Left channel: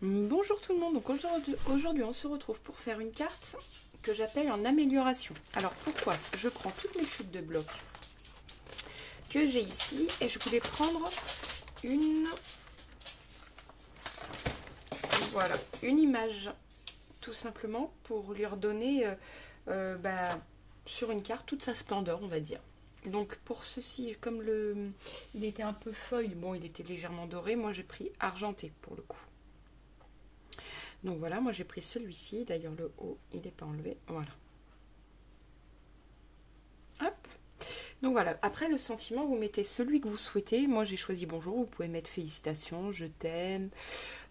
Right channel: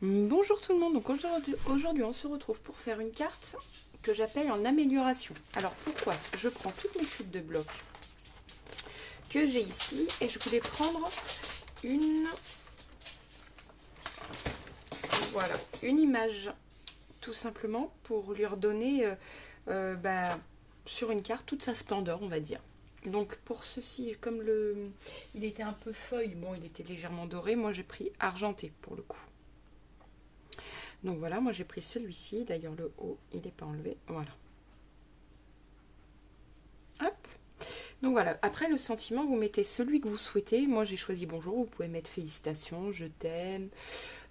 Bonjour tout le monde, donc aujourd'hui on se retrouve pour faire une carte que j'appelle en amélioration. Alors pourquoi? Je prends toutes mes chutes de blocs que j'ai ici et je voulais prendre une image tout simplement pour lui redonner sur une carte toute sa splendeur, on va dire. Donc pour ceci, comme il était un peu feuille, bon il était légèrement doré, moi j'ai pris argenté pour le coup. Donc voilà, moi j'ai pris celui-ci, d'ailleurs le haut il n'est pas enlevé, voilà. Hop. Donc voilà, après le sentiment, vous mettez celui que vous souhaitez. Moi j'ai choisi bonjour, vous pouvez mettre félicitations, je t'aime,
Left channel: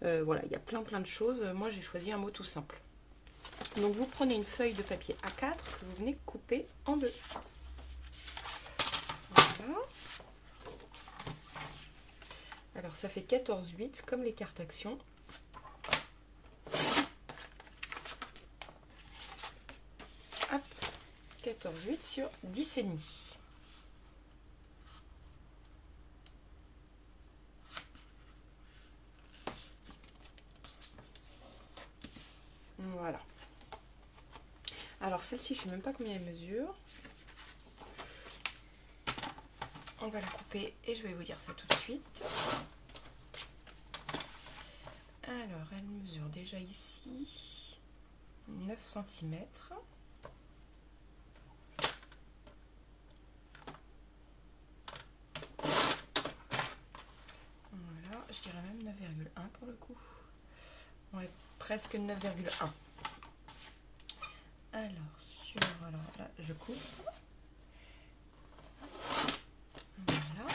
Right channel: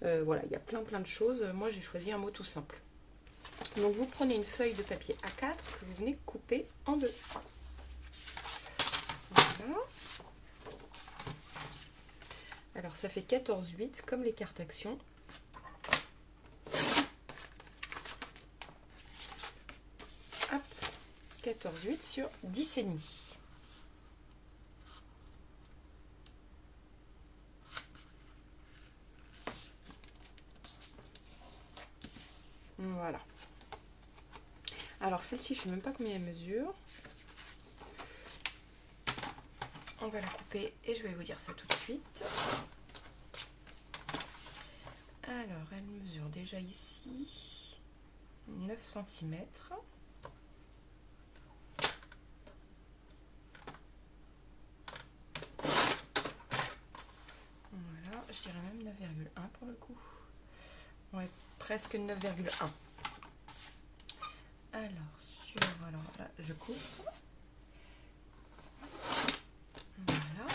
voilà, il y a plein de choses. Moi j'ai choisi un mot tout simple. Donc vous prenez une feuille de papier A4 que vous venez couper en deux. Voilà. Alors ça fait 14,8 comme les cartes actions. Hop, 14,8 sur 10,5. Voilà. Alors celle-ci, je ne sais même pas combien elle mesure. On va la couper et je vais vous dire ça tout de suite. Alors, elle mesure déjà ici 9 cm. Voilà, je dirais même 9,1 pour le coup. Ouais, presque 9,1. Alors là, je coupe. Voilà.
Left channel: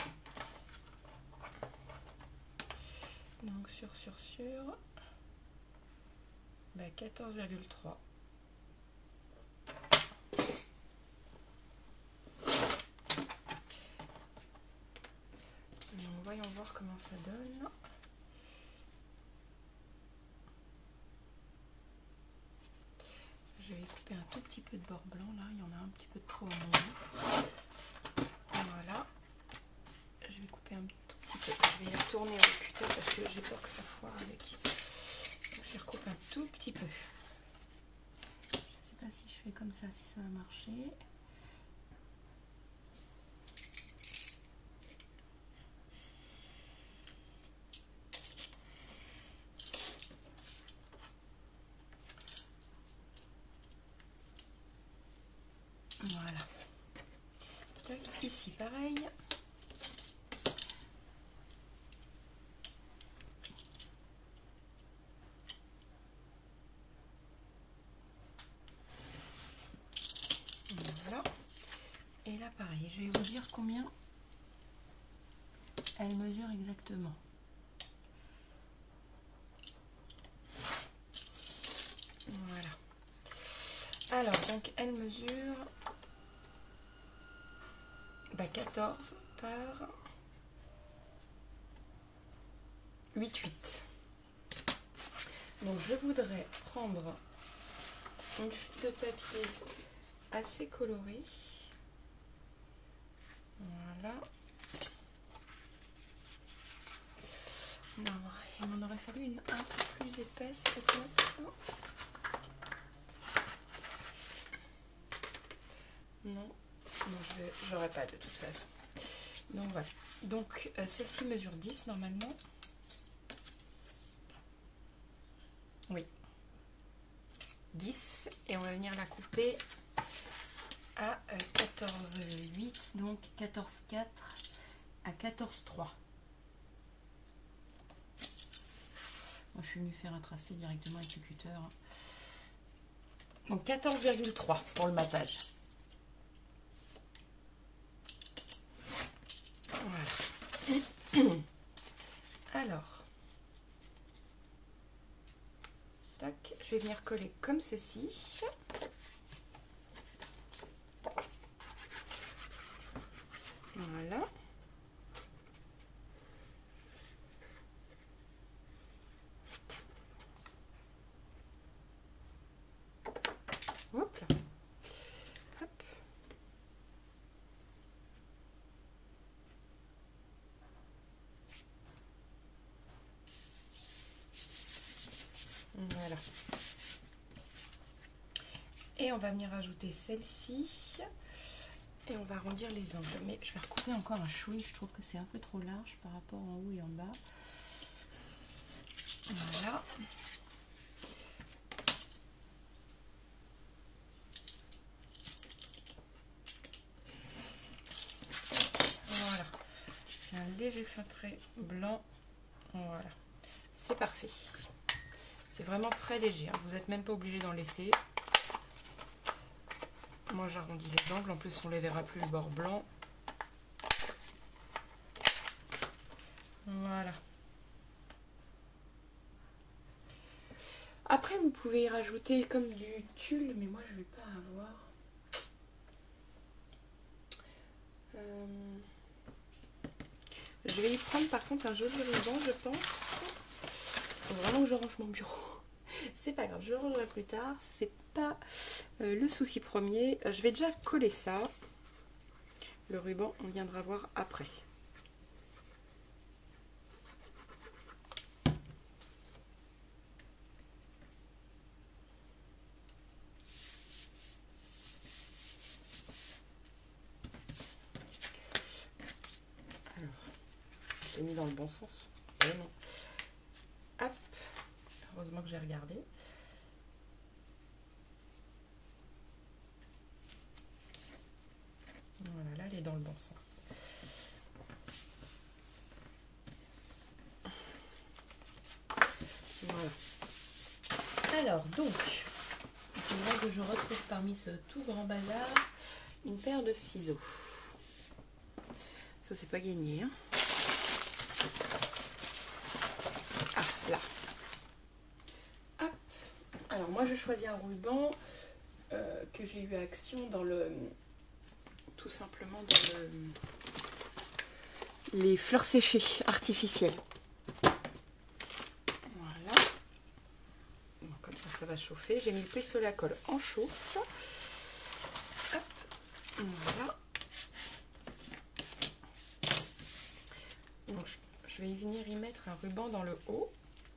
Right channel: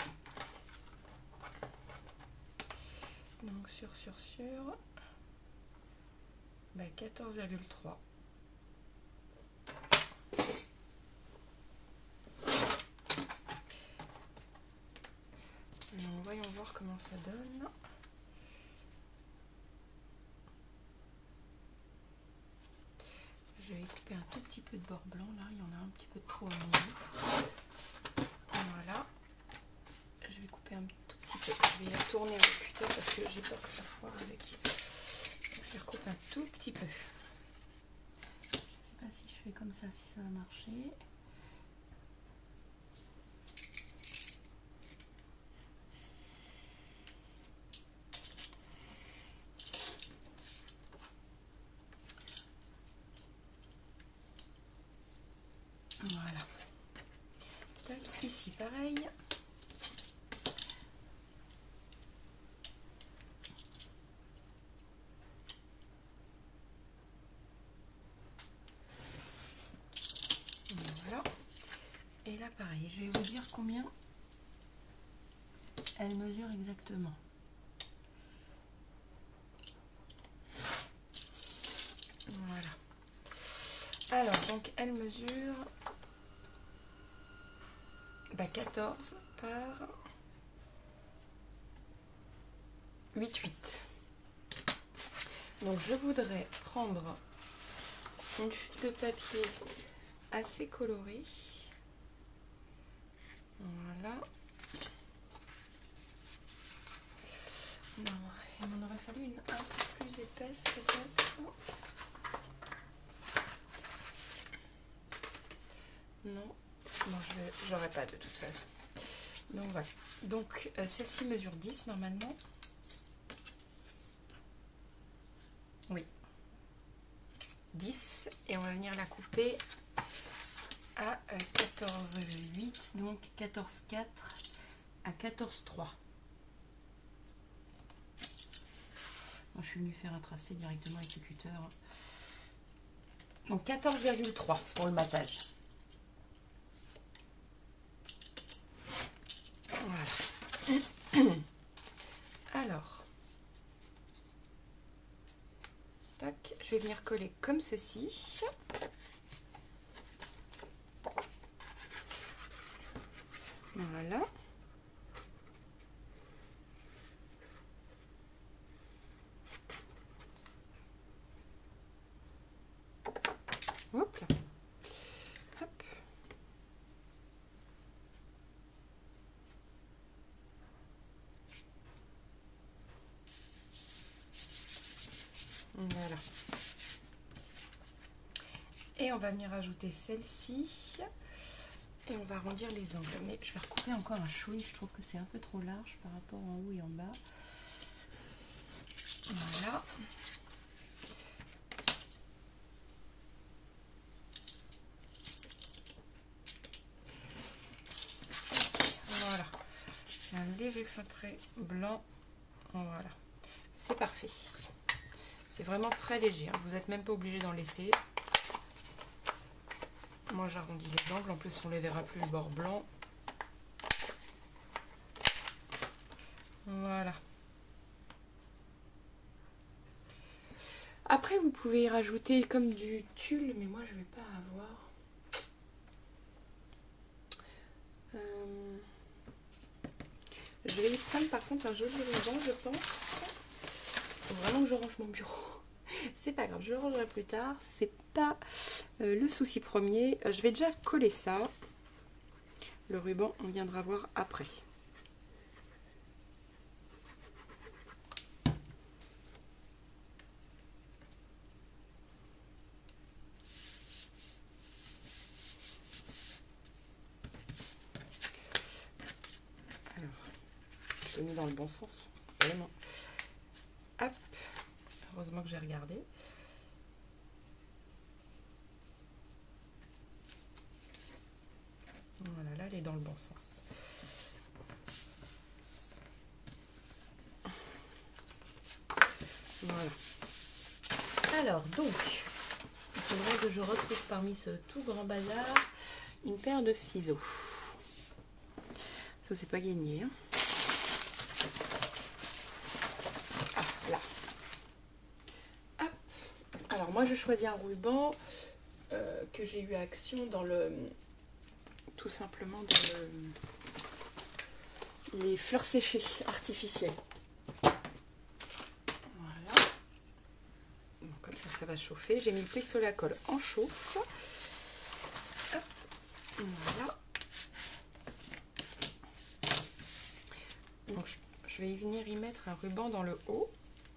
Donc sur 14,3. Voyons voir comment ça donne. Je vais couper un tout petit peu de bord blanc là, il y en a un petit peu trop à mon goût. Voilà. Je vais couper un tout petit peu. Je vais y retourner au cutter parce que j'ai peur que ça foire avec. Je recoupe un tout petit peu. Je ne sais pas si je fais comme ça, si ça va marcher. Voilà. Tac, ici pareil. Voilà. Et là pareil, je vais vous dire combien elle mesure exactement. Voilà. Alors donc elle mesure 14 par 8,8. Donc je voudrais prendre une chute de papier assez colorée. Voilà. Non, il m'en aurait fallu une un peu plus épaisse peut-être. Non, j'aurais pas de toute façon. Donc voilà. Donc celle-ci mesure 10 normalement. Oui. 10. Et on va venir la couper à 14,8. Donc 14,4 à 14,3. Moi je suis venue faire un tracé directement avec le cutter. Donc 14,3 pour le matage. Voilà. Alors, tac, je vais venir coller comme ceci. Voilà. Hop là. Hop. Voilà. Et on va venir ajouter celle-ci. Et on va arrondir les angles. Mais je vais recouper encore un chouï. Je trouve que c'est un peu trop large par rapport en haut et en bas. Voilà. Voilà. C'est un léger feutré blanc. Voilà. C'est parfait. C'est vraiment très léger. Hein. Vous n'êtes même pas obligé d'en laisser. Moi j'arrondis les angles. En plus on ne les verra plus le bord blanc. Voilà. Après vous pouvez y rajouter comme du tulle. Mais moi je vais pas avoir. Je vais y prendre par contre un joli ruban je pense. Faut vraiment que je range mon bureau. C'est pas grave, je le rangerai plus tard. C'est pas le souci premier. Je vais déjà coller ça. Le ruban, on viendra voir après. Alors, je l'ai mis dans le bon sens. Vraiment. Hop. Heureusement que j'ai regardé. Voilà, là, elle est dans le bon sens. Voilà. Alors, donc, il faudrait que je retrouve parmi ce tout grand bazar une paire de ciseaux. Ça, c'est pas gagné. Hein. Ah, là. Hop. Alors, moi, je choisis un ruban que j'ai eu à Action dans le... Tout simplement dans le... les fleurs séchées artificielles. Voilà. Bon, comme ça va chauffer. J'ai mis le pistolet à colle en chauffe. Hop. Voilà. Donc, je vais y venir y mettre un ruban dans le haut.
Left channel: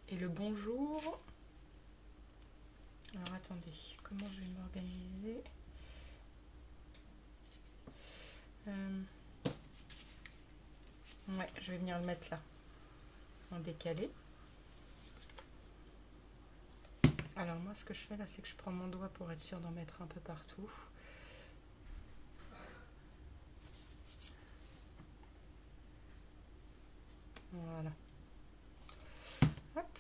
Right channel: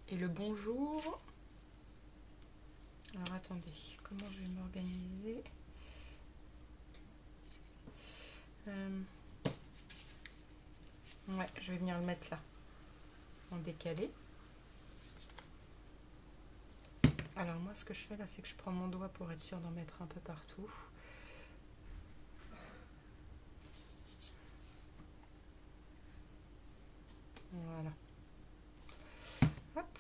Et le bonjour. Alors, attendez. Comment je vais m'organiser ? Ouais, je vais venir le mettre là. En décalé. Alors, moi, ce que je fais là, c'est que je prends mon doigt pour être sûre d'en mettre un peu partout. Voilà. Hop.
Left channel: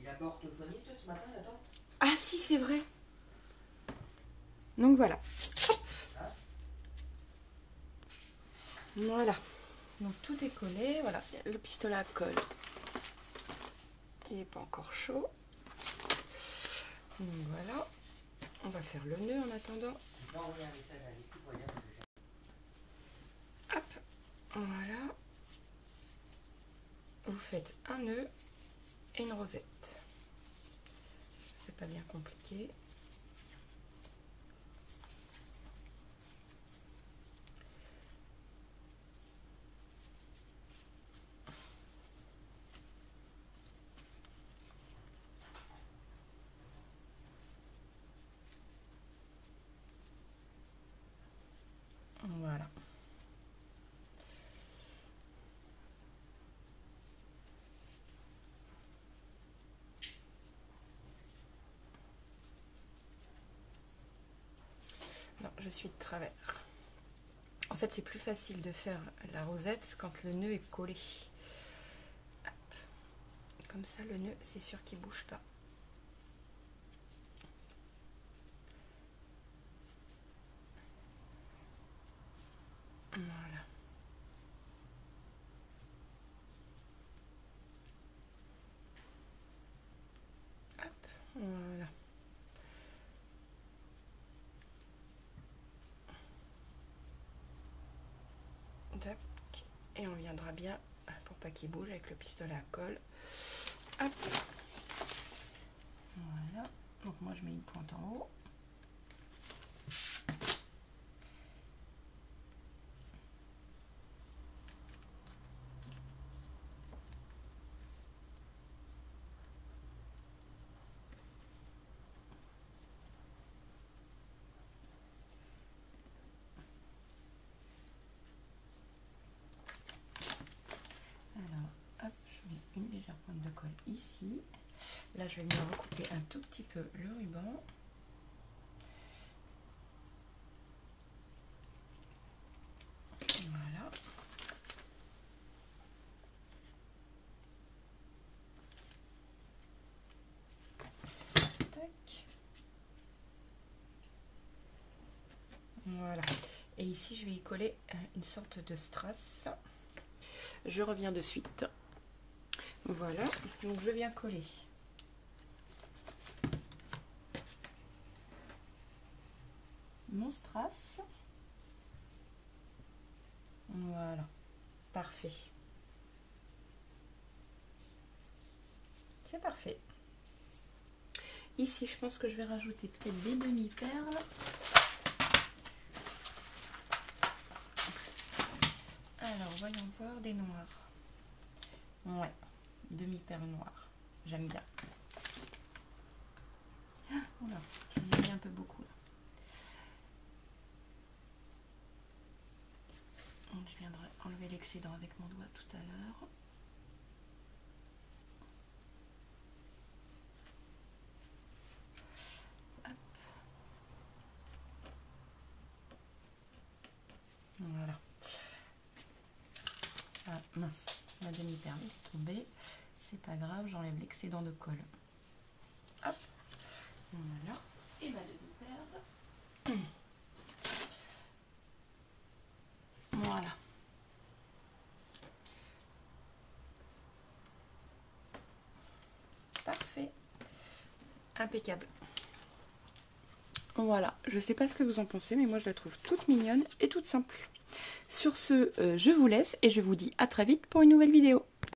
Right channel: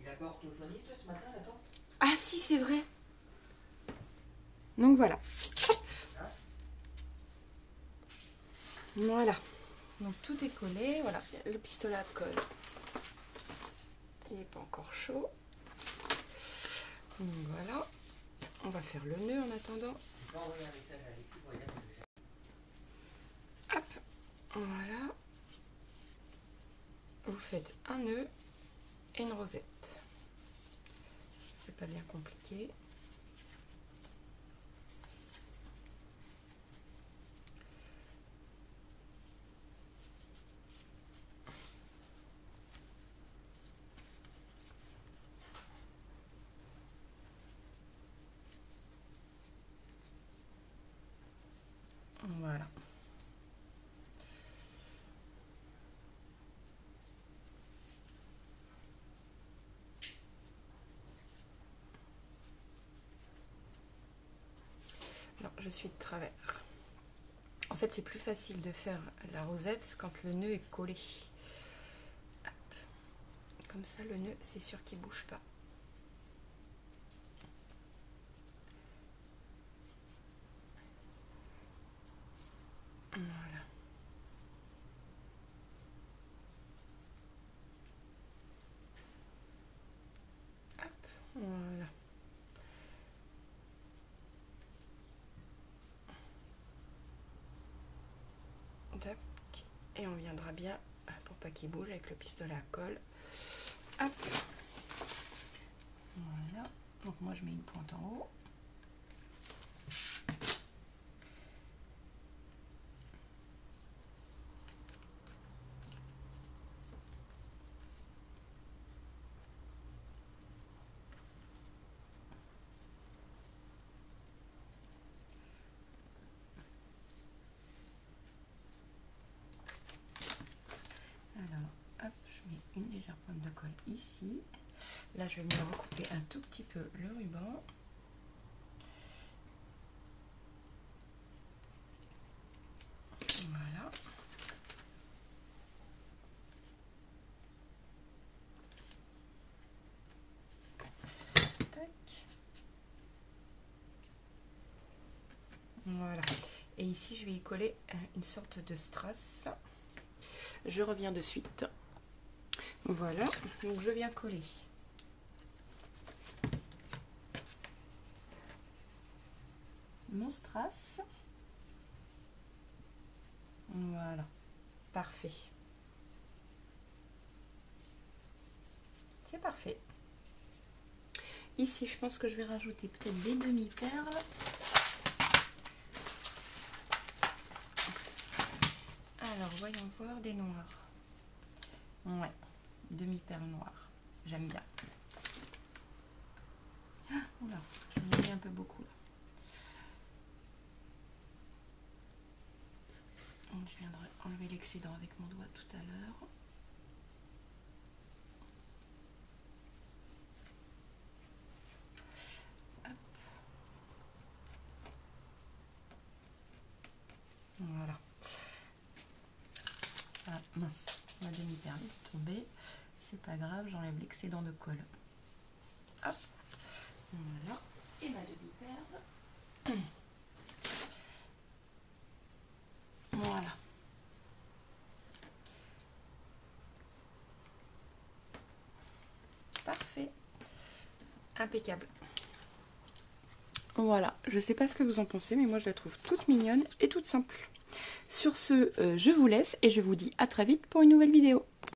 Il a pas orthophoniste ce matin, là-dedans? Ah si, c'est vrai. Donc voilà. Hop. Voilà. Donc tout est collé. Voilà. Le pistolet à colle. Il n'est pas encore chaud. Donc voilà. On va faire le nœud en attendant. Hop. Voilà. Vous faites un nœud et une rosette. C'est pas bien compliqué. Voilà. Non, je suis de travers. En fait, c'est plus facile de faire la rosette quand le nœud est collé. Hop. Comme ça, le nœud, c'est sûr qu'il ne bouge pas. Voilà. Hop. Voilà. Et on viendra bien, pour pas qu'il bouge, avec le pistolet à colle. Hop. Voilà. Donc moi je mets une pointe en haut. le col ici. Là, je vais venir recouper un tout petit peu le ruban. Voilà. Tac. Voilà. Et ici, je vais y coller une sorte de strass. Je reviens de suite. Voilà. Donc, je viens coller mon strass. Voilà. Parfait. C'est parfait. Ici, je pense que je vais rajouter peut-être des demi-perles. Alors, voyons voir des noirs. Ouais, demi-perles noires. J'aime bien. Ah, voilà, j'en ai mis un peu beaucoup là. Je viendrai enlever l'excédent avec mon doigt tout à l'heure. Voilà. Ah mince, ma demi-perle est tombée. C'est pas grave, j'enlève l'excédent de colle. Hop. Voilà. Et ma demi-perle. Voilà. Parfait. Impeccable. Voilà, je sais pas ce que vous en pensez, mais moi je la trouve toute mignonne et toute simple. Sur ce, je vous laisse et je vous dis à très vite pour une nouvelle vidéo.